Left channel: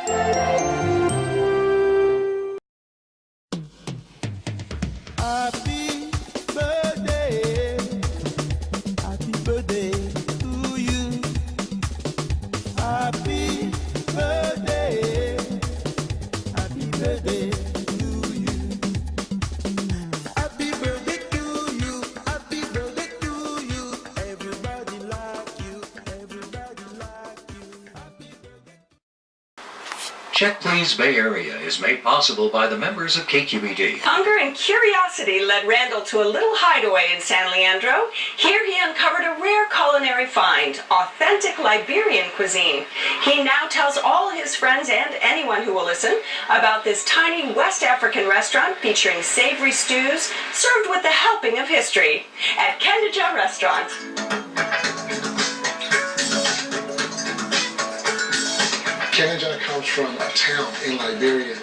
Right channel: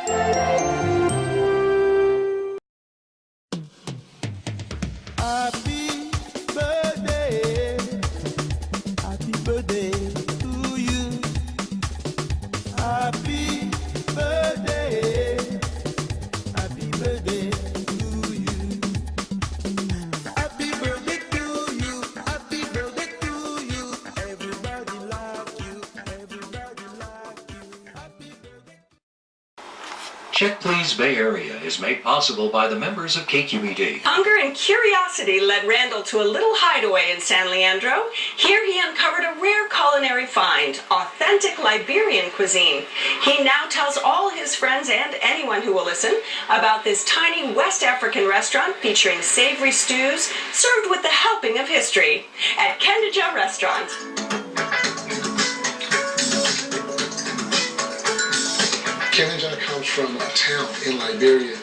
Happy birthday to you. Happy birthday to you. Happy birthday to you. Happy birthday to you. Everybody like you. Everybody like you. Happy birthday. Check Please Bay Area is made possible by the members of KQED. Hunger and curiosity led Randall to a little hideaway in San Leandro. Here he uncovered a rare culinary find, authentic Liberian cuisine. He now tells all his friends and anyone who will listen about this tiny West African restaurant featuring savory stews served with the helping of history at Kqed Restaurant. Kqed comes from a town in Liberia,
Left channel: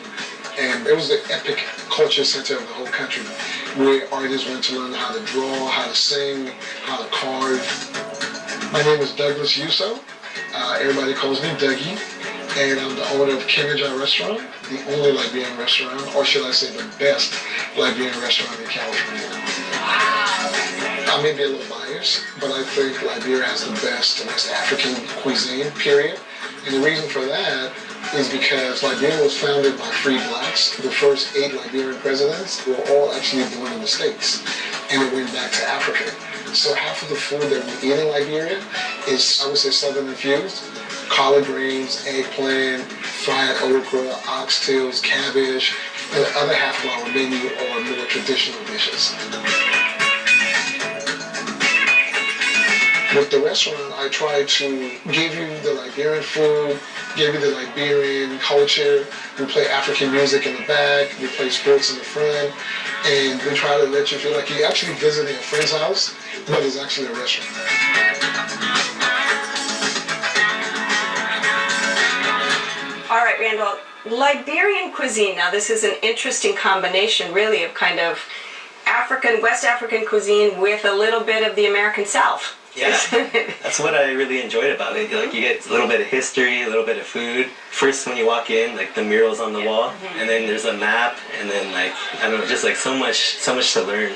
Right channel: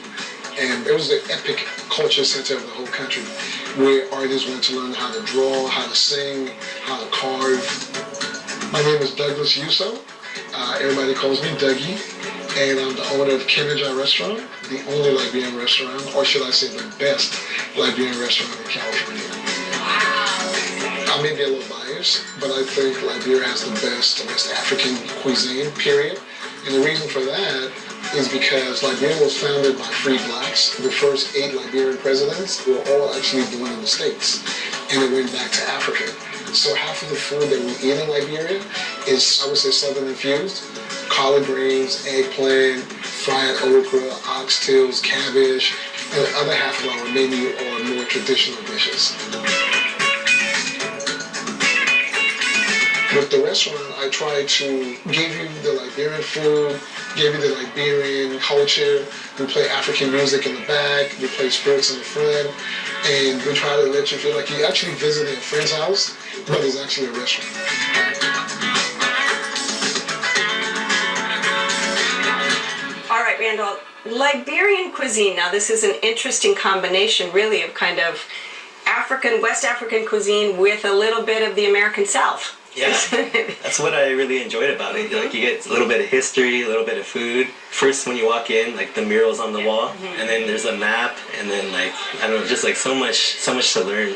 and it was the epic culture center of the whole country, where artists went to learn how to draw, how to sing, how to carve. My name is Douglas Yuso. Everybody calls me Dougie, and I'm the owner of Kqed Restaurant, the only Liberian restaurant, or should I say the best Liberian restaurant in California. I may be a little biased, but I think Liberia has the best West African cuisine, period. And the reason for that is because Liberia was founded by free blacks. The first 8 Liberian presidents were all actually born in the States, and it went back to Africa. So half of the food that we eat in Liberia is, I would say, Southern infused. Collard greens, eggplant, fried okra, oxtails, cabbage, and the other half of our menu are more traditional dishes. With the restaurant, I try to give you the Liberian food, give you the Liberian culture. We play African music in the back, we play sports in the front, and we try to let you feel like you're actually visiting a friend's house, but it's actually a restaurant. All right, Randall, Liberian cuisine. Now, this is an interesting combination, really, of kind of West African cuisine with a little bit of the American South. Yeah, that's what I really enjoyed about it. Like, you get a little bit of history, a little bit of food. First, when you walk in, like the murals on the wall, and then there's a map, and then like, I don't know, just like so much to learn.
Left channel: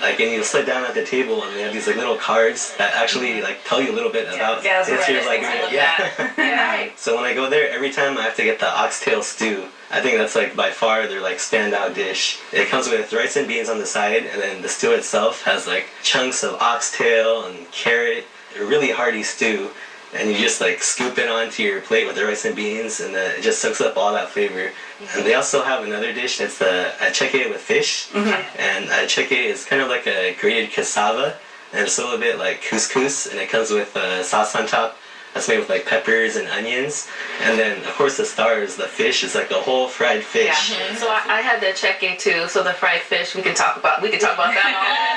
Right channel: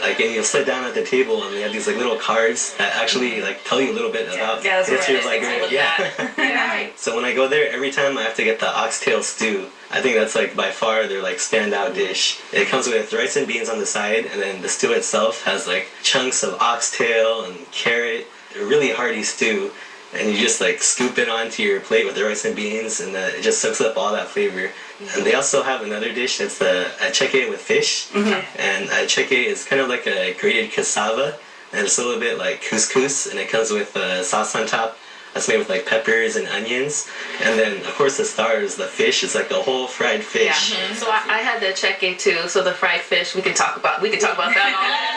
Like, and you'll sit down at the table, and they have these like little cards that actually like tell you a little bit about the history of Liberia. Yeah. So when I go there, every time I have to get the oxtail stew. I think that's like by far their like standout dish. It comes with rice and beans on the side, and then the stew itself has like chunks of oxtail and carrot. A really hearty stew, and you just like scoop it onto your plate with the rice and beans, and it just soaks up all that flavor. And they also have another dish that's the Kqed with fish, and Kqed is kind of like a grated cassava, and it's a little bit like couscous, and it comes with sauce on top. That's made with like peppers and onions, and then of course the star is the fish. It's like a whole fried fish. Yeah. So I had the Kqed too. So the fried fish, we can talk about that all.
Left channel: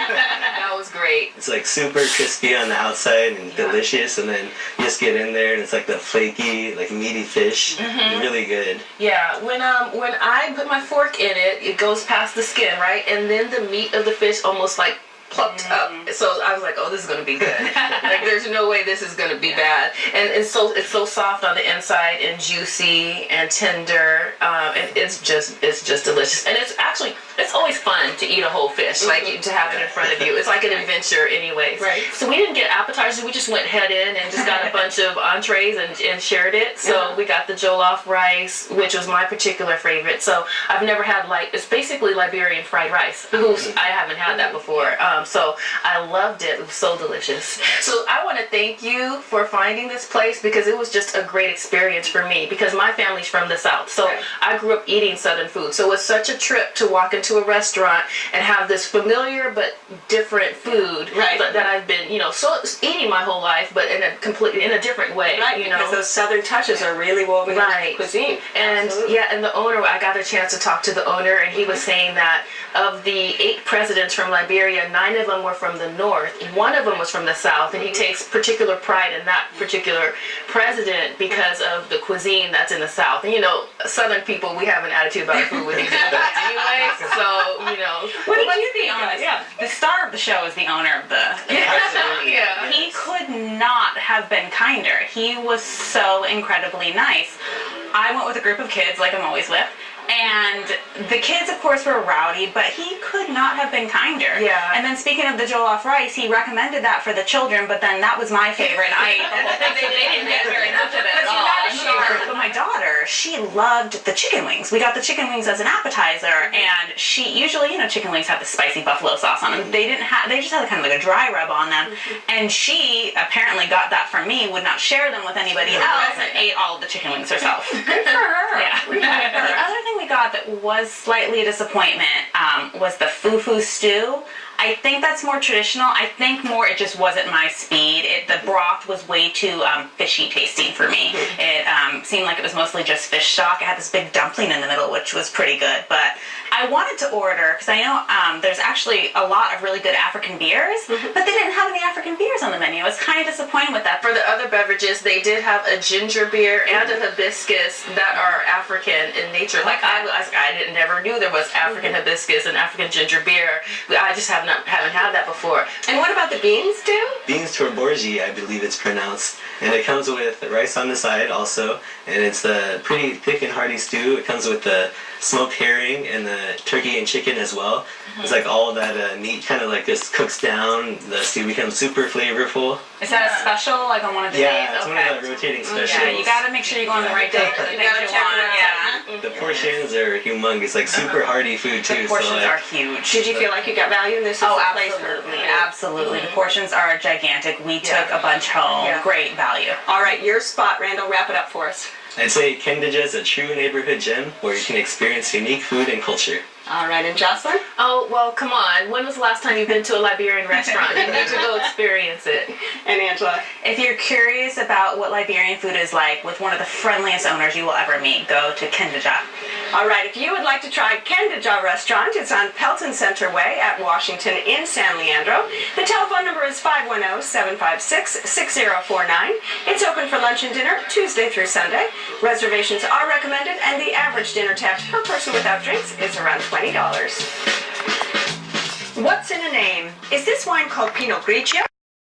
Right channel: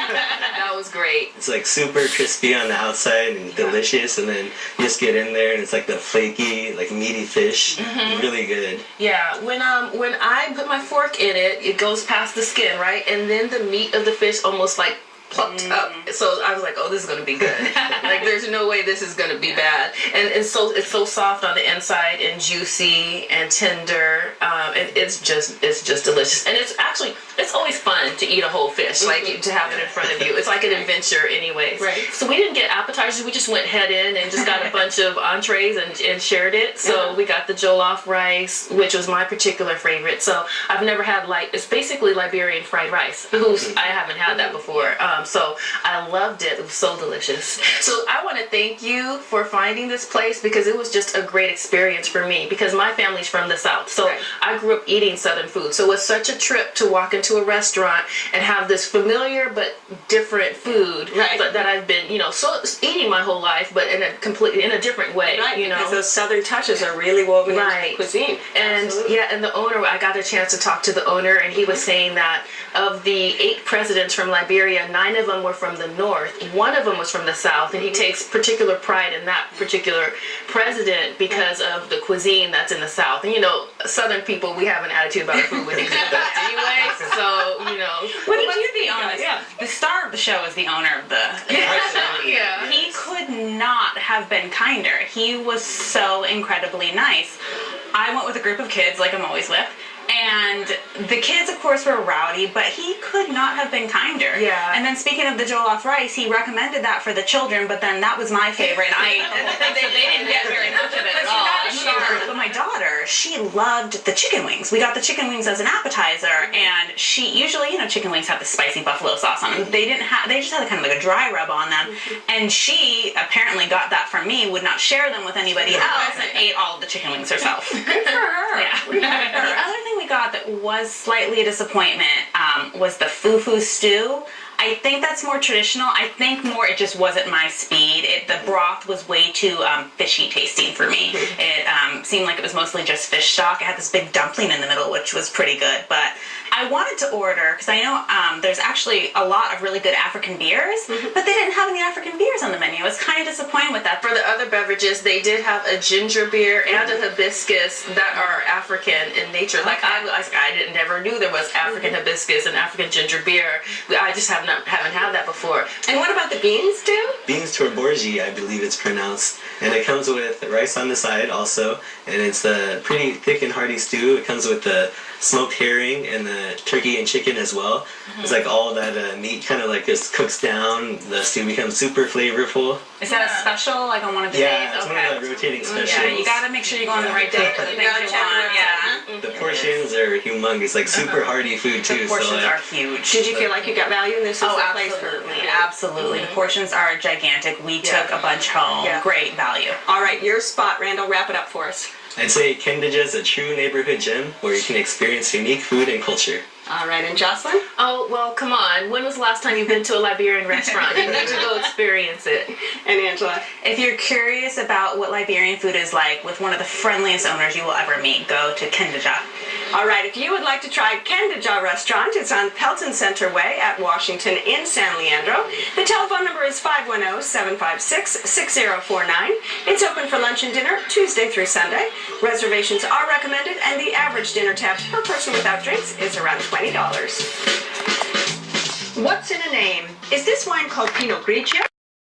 That was great. It's like super crispy on the outside and delicious, and then you just get in there and it's like the flaky, like meaty fish. Really good. Yeah. When I put my fork in it, it goes past the skin, right, and then the meat of the fish almost like plucked up. So I was like, oh, this is going to be good. Like, there's no way this is going to be bad. And it's so soft on the inside and juicy and tender. And it's just delicious. And it's always fun to eat a whole fish, like to have it in front of you. It's like an adventure anyways. Right. So we didn't get appetizers. We just went head in and just got a bunch of entrees and shared it. So we got the jollof rice, which was my particular favorite. So I've never had, like, it's basically Liberian fried rice. I haven't had that before. So I loved it. It was so delicious. So I want to thank you for finding this place, because it was just a great experience for me, because my family's from the South. So I grew up eating Southern food. So it was such a trip to walk into a restaurant and have this familiar but different food that I've been, eating my whole life, but in a different way. Right, because those Southern touches are really woven into the cuisine. And and the owner, I got a chance to talk to the owner, and he was saying that of the 8 presidents from Liberia, 9 of them were from the North. 1 of them was from the South, and he takes particular pride in that particular president because of the cuisine that's in the South. And Southern people, we have an attitude about food with each other anyway. So what did you be honest? The star of the show is the owner of the restaurant. He could not have been kinder. He was so incredibly nice. I went with a group of kids, like I'm always with. And the kids, of course, were rowdy, but he could not have been kinder. Yeah. And then speaking of the jollof rice, he recommended that for the children, but then that was my favorite, and I ate the whole thing, so they didn't get very much of it at all. But my daughter, she loved the chicken wings. We got the chicken wings as an appetizer, and she usually, chicken wings have the spicy buffalo sauce on them. They just had kind of like a dry rub on them, and she apparently got that from me, would not share them with anybody else, and ate all of the chicken wings herself. Good for her. Yeah. The other thing we got that was slightly a disappointment was the fufu stew. I think that's more traditional. I think more it just wasn't my speed. The broth was way too fishy tasting for me. It seemed like it was mostly just fish stock. It had this big dumpling in the middle, which was pretty good. But I wanted to order, because I know there's actually a lot of really good African beers, but they didn't have any African beers on the menu. I was kind of disappointed with that. For the other beverages, they did have a ginger beer and a hibiscus that are African in nature. Like I never knew there was African hibiscus and African ginger beer. I just haven't had that before. And what about the beans, too? Beans torborgi, I believe it's pronounced. And it comes with rice on the side also. And it's a pretty thick and hearty stew. It comes with the smoked herring and the turkey and chicken as well. It's like all that meat kind of like just cooks down. The stew becomes super flavorful. Is that a special, like on one of the days? Yeah, it's one of the rotating specials. Yeah, you gotta make sure you go on the right day for the things you want. Yeah. The portions are humongous, like super hearty food too. The portions are huge. Did you feel like you got value in this? Oh, absolutely. Absolutely. The portions are gigantic. We took a bunch home. Yeah. Great value. All right, your spot, Randall. Wrap it up for us. I'd say Kqed is a true neighborhood gem where you can experience unique food and culture. All right, and Jocelyn? Oh, well, come on. When was the last time you've been to a Liberian restaurant? You need to go experience it. And Angela? If you're curious about what Liberian food is like with one of the friendliest owners you will ever meet, go to Kqed. All right, if you would like to try Kqed Restaurant, it's on Pelton Center Way at Washington in San Leandro. The telephone number is 510-756-6049. It's open for lunch and dinner Tuesday through Sunday. Reservations are recommended, and the average dinner tab per person without drinks is around $20. What's in a name? Is this wine called Pinot Grigio?